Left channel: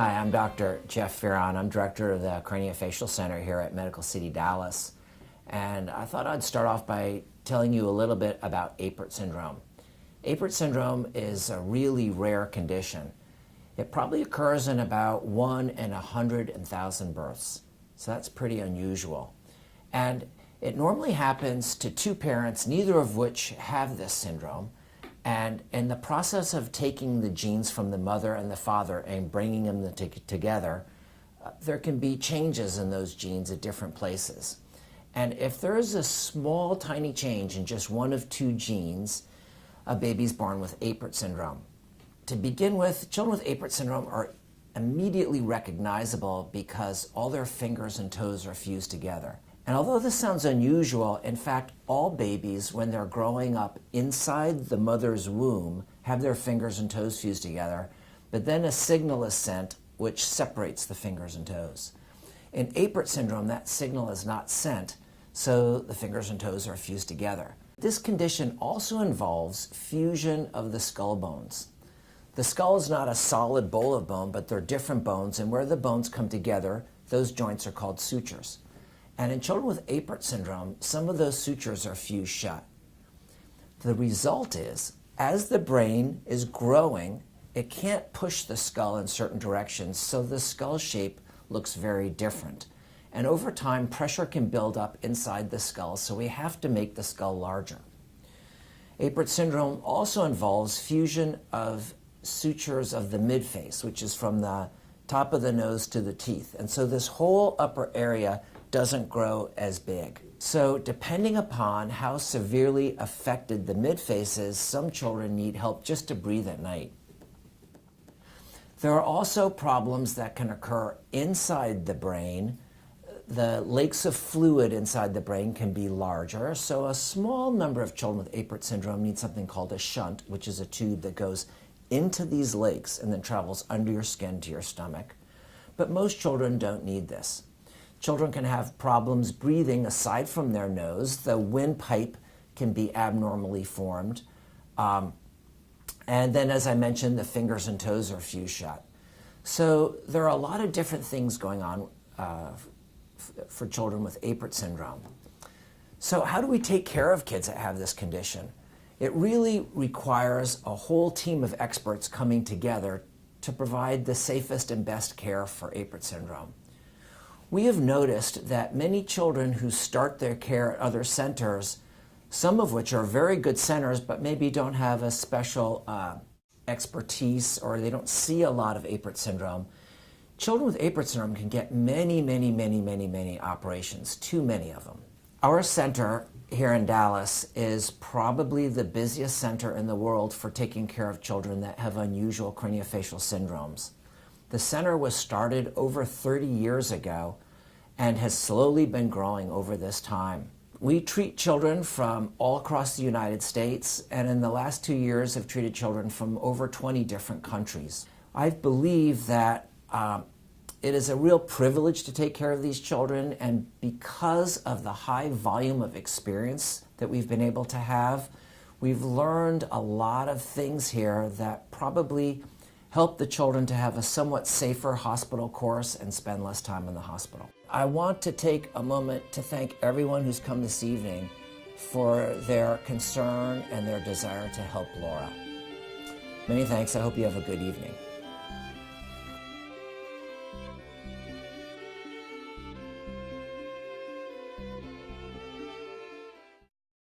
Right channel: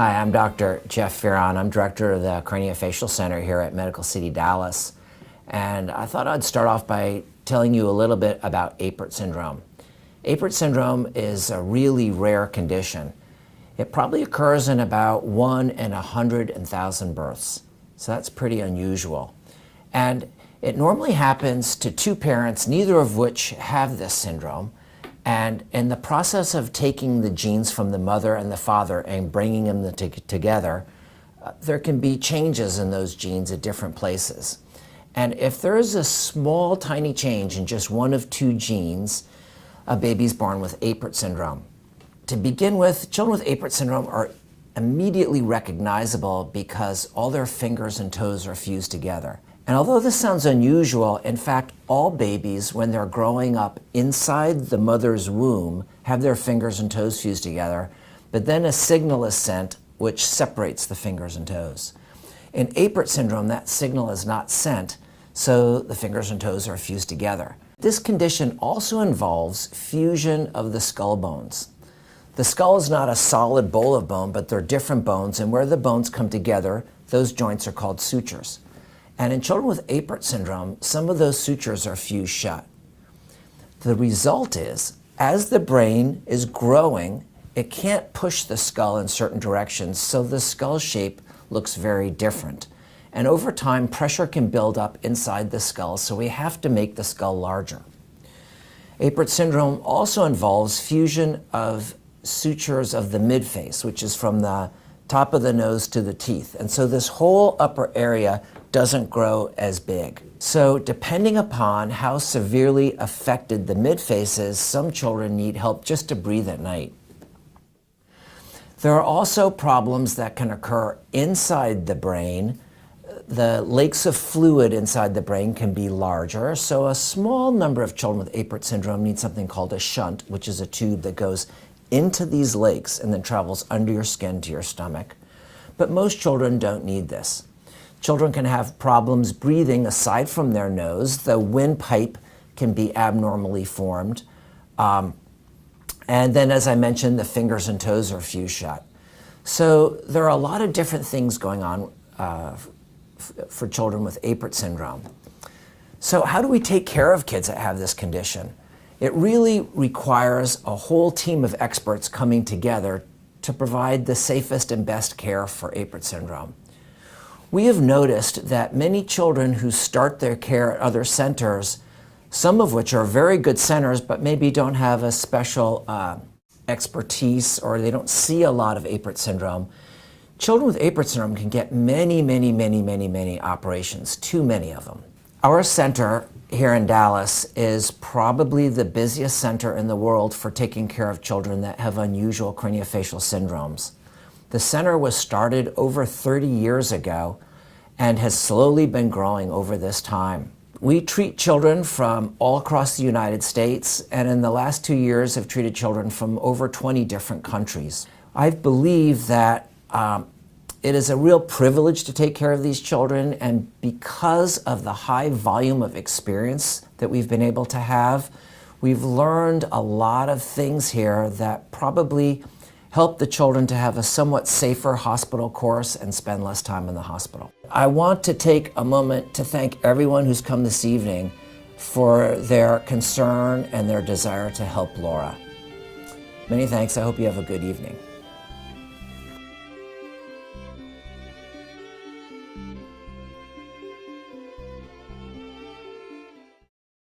Hi, I'm Dr. Jeff Fearon. I'm director of the Craniofacial Center here at Medical City Dallas. And I thought I'd start off by telling you a little bit about Apert syndrome. Apert syndrome is a really rare condition. It probably occurs in about 1 in 100,000 births. So that's pretty unusual. And it normally happens to two parents, neither of which have this syndrome. And in the process of taking the genes from the mother and the father and bringing them together, there can be changes in those genes at different places. And if there is a small, tiny change in just one of two genes, a baby's born with Apert syndrome. To begin with, children with Apert syndrome are immediately recognizable because all their fingers and toes are fused together. And although this sounds unusual, in fact, all babies, when they're growing up inside the mother's womb, have their fingers and toes fused together, but then a signal is sent which separates the fingers and toes. In Apert syndrome, that signal is not sent, so the fingers and toes are fused together. This condition also involves fusion of the skull bones. The skull is not a solid bowl of bone, but they're different bones, and where the bones come together, those joints are called sutures. And in children with Apert syndrome, some of those sutures are fused shut. The result is, as the brain is growing, it can't push the skull in certain directions, so the skull shape looks very different. And over time, pressure can build up inside the skull, so we have to make the skull larger. Apert syndrome also involves fusion of sutures of the midface, which is from the top of the nose to the teeth. And so this whole upper area doesn't grow as big. So depending upon how severely affected the midface is, some children need help just to breathe at night. There are also problems that can occur inside the brain. The lakes of fluid inside the brain can be larger, so a small number of children with Apert syndrome need something called a shunt, which is a tube that goes into these lakes and then travels under your skin to your stomach. But most children don't need this. Children can have problems breathing aside from their nose. The windpipe can be abnormally formed. And then, as I mentioned, the fingers and toes are fused shut. So there are a lot of different things going on for children with Apert syndrome. So how do we take care of kids that have this condition? It really requires a whole team of experts coming together to provide the safest and best care for Apert syndrome. We have noticed that many children who start their care at other centers, some of which are very good centers, but maybe don't have a special expertise or they don't see a lot of Apert syndrome. Children with Apert syndrome can get many operations, too many of them. Our center here in Dallas is probably the busiest center in the world for taking care of children that have unusual craniofacial syndromes. The center was started over 30 years ago and has slowly been growing over this time. We treat children from all across the United States, and in the last 2 years have treated children from over 20 different countries. I believe that it is a real privilege to take care of these children, and because of the high volume of experience that we've been able to have, we've learned a lot of things here that probably help the children to have a somewhat safer hospital course and spend less time in the hospital. I want to take a moment to thank everyone who's come this evening for their concern and their desire to help Laura. Many thanks. I hope you have a good evening.